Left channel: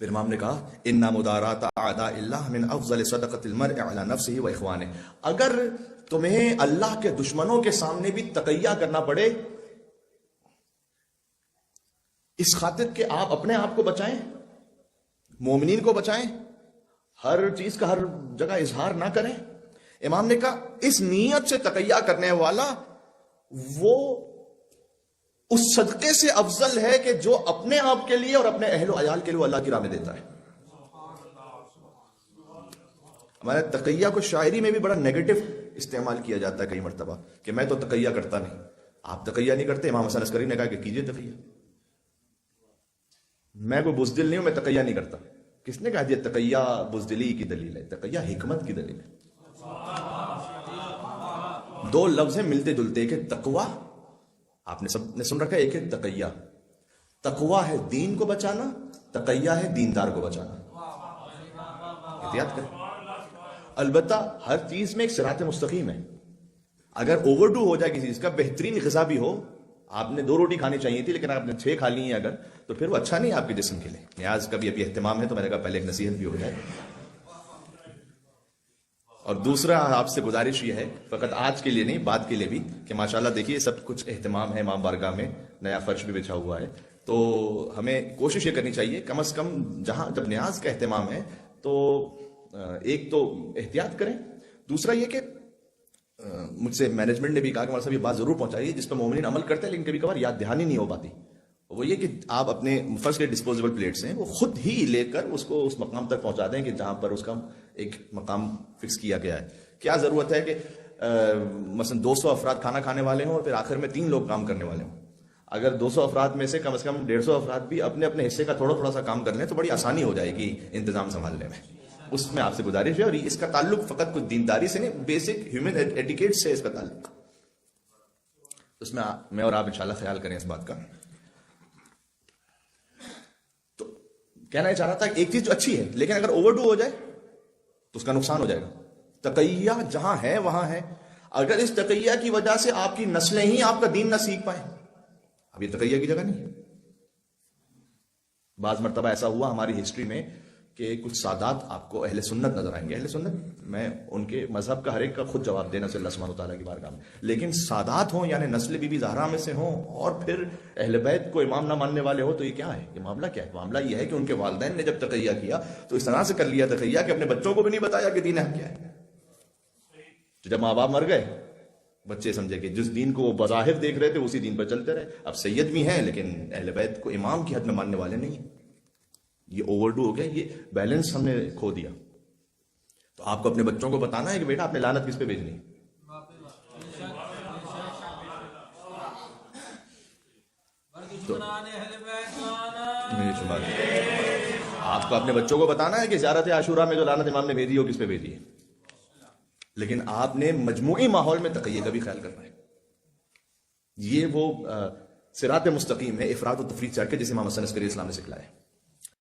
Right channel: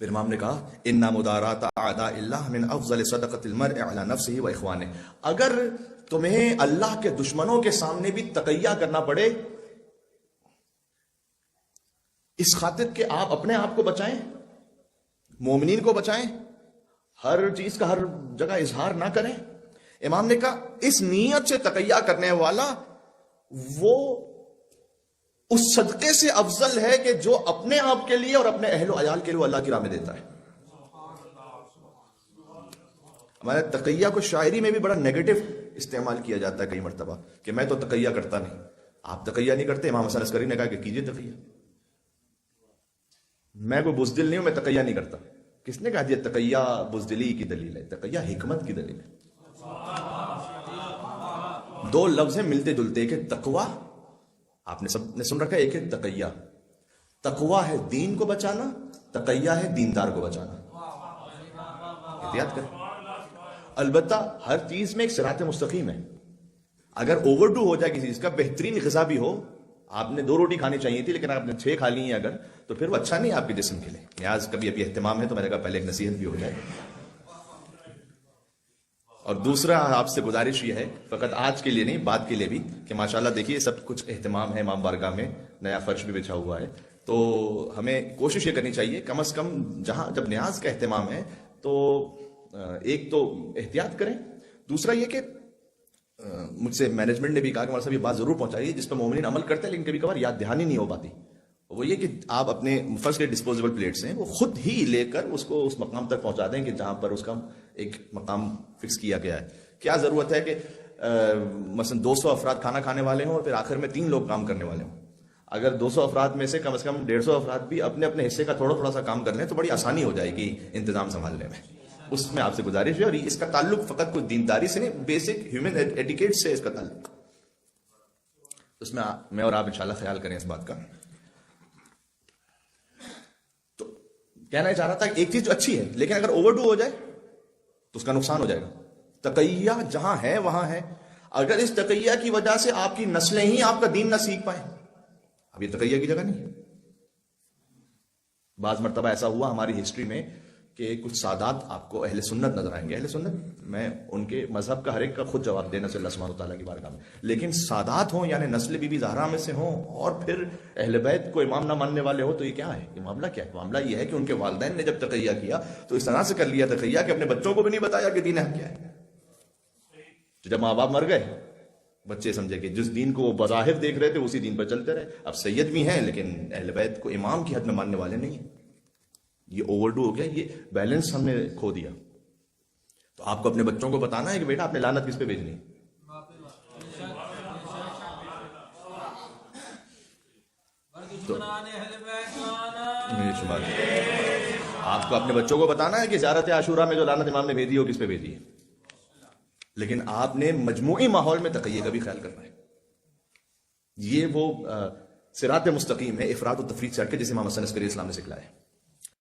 پھر امام نے کہا اِنَّ مُدَارَاةَ أَعْدَاءِ اللَّهِ مِنْ أَفْضَلِ صَدَقَةِ الْمَرْءِ عَلَى نَفْسِهِ وَإِخْوَانِهِ، اگر تمہیں اللہ کے دشمنوں کے سامنے بھی تقیہ کرنا پڑے اس خاطر کہ آپ اپنے آپ کو بچائیں، مومنین کو بچائیں، ہر چیز کا ہر جگہ اظہار نہ کریں، امام نے کہا اس نیت سے تقیہ کرنے والا وہ اس صدقے سے افضل ہے کہ جو اپنے آپ کے لیے اور اپنے اہل و عیال کے لیے اللہ کی راہ میں دیتا ہے۔ ہمارے تقیہ کو شاعری میں بھی بڑا نیگیٹو استعمال کیا جاتا ہے کئی مرتبہ کہ میں تو تقیہ کرتا نہیں۔ آپ تقیہ نہیں کرتے، امام حسن عسکری نے کہا کہ کیجئے تقیہ۔ میں کوئی بزدل نہیں ہوں، میں تقیہ نہیں کرتا۔ کس نے کہا یہ تقیہ بزدلی کی دلیل ہے؟ تقیہ حکمت کی دلیل ہے۔ دو لفظ ہیں ملتے جلتے، ایک ہے تقوی، آپ نے سب نے سن رکھا ہے، ایک ہے تقیہ۔ تقوی ہے دین کو بچانا، تقیہ ہے دیندار کو بچانا۔ احتیاط کریں، البتہ ہر چیز میں ایک صراط مستقیم ہے۔ اگر اوور ڈو ہو جائے کسی چیز کا، بہترین غذا بھی ہو، آپ نے 2 روٹی کھانی چاہیے تھی لیکن آپ نے 6 کھا لی ہیں اگر، تو پھر وہ اچھا نہیں آپ کے جسم کے لیے۔ نیاز کا بھی ابھی اہتمام ہے تو میں نے کہا پہلے ایک نصیحت بھی ہو جائے۔ اور دوسرا آپ سے گزارش یہ ہے، فقط آج کے لیے نہیں بعد کے لیے بھی، کہ ماشاءاللہ دیکھیے سب کچھ اہتمام ہے، امام بارگاہ میں نیا فرش بھی بچھا ہوا ہے، تو ہمیں کوشش یہ کرنی چاہیے کم از کم جہاں جب نیاز کا اہتمام ہے تو ایک تو احتیاط کریں، دوسرا یہ کہ مجھ سے مینجمنٹ نے بھی کہا کہ ہمارے صاحب یہ بات ضرور پہنچائیے جس پہ مومنین عمل کرتے ہیں لیکن کبھی کبھار یاد دہانی نہیں ہو پاتی، وہ یہ کہ آپ اپنے فرسٹ ڈسپوزیبل پلیٹس ہیں وہ خود ہی لے کر اس کو اس مقام تک پہنچا دیں کہ جہاں پر اس کا ایک مقام فکس کیا گیا ہے۔ کیا ضرورت ہے کہ مثلا 200 افراد کھانا کھانے والے ہوں اور پھر آخر میں 3 لوگ کام کرنے والے ہوں؟ اگر 200 افراد میں سے کم 150 افراد بھی اپنے اپنے حصے کا تھوڑا تھوڑا سا کام کر لیں تو بڑی آسانی ہو جائے گی انتظام سنبھالنے میں۔ اس میں آپ سے گزارش ہے، اور اس کا تعلق فقط کچھ دینداری سے نہیں، بیسک ہیومن ایٹیکیٹ سے اس کا تعلق، اس میں میں اور آپ انشاءاللہ خیال کریں اس بات کا۔ تو کہنا چاہ رہا تھا ایک چیز جو اچھی ہے لیکن اگر اوور ڈو ہو جائے تو اس کا نقصان ہو جائے گا۔ تقیہ جہاں ہے وہاں ہے، اگر اس تقیہ کی وجہ سے آپ کی نسلیں ہی آپ کا دین نہ سیکھ پائیں، اب یہ تقیہ کی جگہ نہیں ہے۔ بعض مرتبہ ایسا ہوا ہماری ہسٹری میں کہ کچھ سادات آپ کو اہل سنت نظر آئیں گے، اہل سنت میں ان کے مذہب کا ہر ایک کا خود جواب دینا صلی اللہ سبحانہ وتعالیٰ کی بارگاہ میں، لیکن سادات ہوں یعنی نسل بی بی زہرا میں سے ہوں اور پھر اہل بیت کو امام نہ ماننے والے ہو، تو یہ کیا ہے؟ یہ معاملہ کیا ہے؟ معاملہ یہ ہے کہ ان کے والدین نے جب تقیہ کیا تو اس طرح سے کر لیا تقیہ کہ اپنے بچوں کو بھی نہیں بتایا کہ دین ہے کیا ہے۔ تو جب ماں باپ مر گئے بچے سمجھے کہ جس دین کو وہ بظاہر دیکھ رہے تھے اسی دین پر چلتے رہے، اب سید بھی ہیں لیکن اہل بیت کو امام کی حق میں ماننے والے نہیں۔ یہ اوور ڈو ہو گیا، یہ بیلنس ہم نے کھو دیا۔ تو آپ کو اپنے بچوں کو بتانا ہے کہ بیٹا آپ نے لعنت کس پہ بھیجنی۔ آپ کو اپنے بچوں کو بتانا ہے کہ زیارت عاشورہ میں جو لعنت امام نے بھیجی ہو کس پہ بھیجی ہے، لیکن آپ نے مجموعی ماحول میں تقیہ کا بھی خیال کرنا ہے۔ یہ وہ صراط مستقیم ہے، افراط و تفریط چڑھ کے جسے امام حسن عسکری اسلام نے سکھلایا ہے۔